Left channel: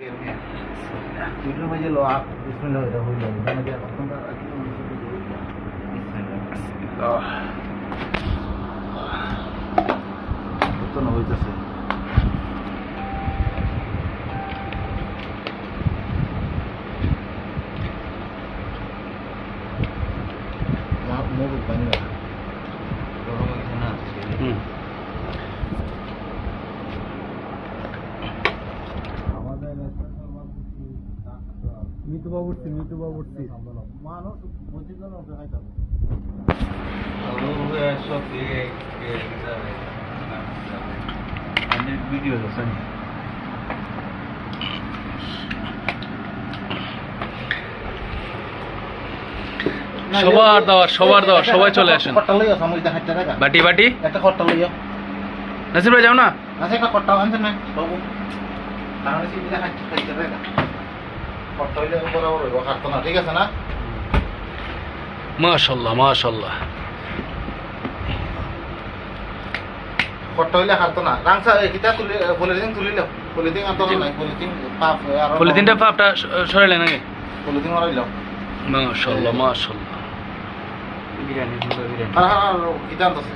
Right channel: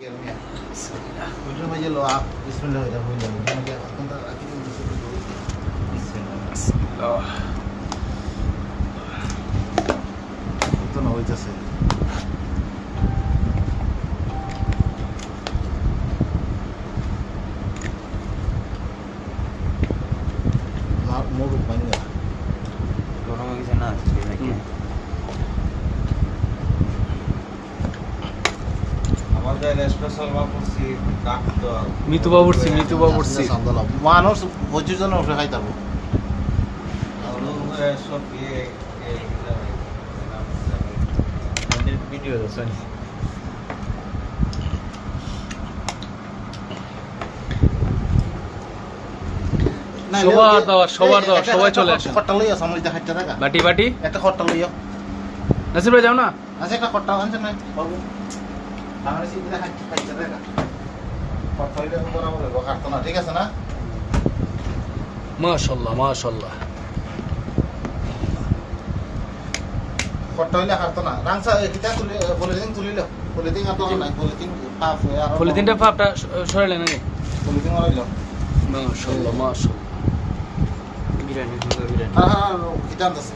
itu aja lo bismillah udah boleh udah dia akan tak bismillah itu না হইতাছে মোর বাংলা মিতু বাবুরছি মানুষ 25 জন উঠে খাইতে পারবো ভিডিও আছে সবার দাওয়াত সবাই চলে আসেন খট্টা লইয়া সামরিতে 60 টাকা বাটি বাটি একটা খট্টা লইয়া নাসির ভাই যাও না আছে একটা খট্টা আনছে না বাবু আমার সিবিটা 60 টাকা খট্টা হইলে বরাবর হইব খাটতো না ঠিক আছে না মাশাআল্লাহ মাশাআল্লাহ খট্টা হইলে খাটতো না রাংসা কিটা তুলে পলিথিন তুলিলো পলিথিন আনতো না পলিথিন পাপ আর পলিথিনটা পাপটা সরাইলে নাকি পলিথিন মারাইলো মাশাআল্লাহ মাশাআল্লাহ আর কিটা আনতাছে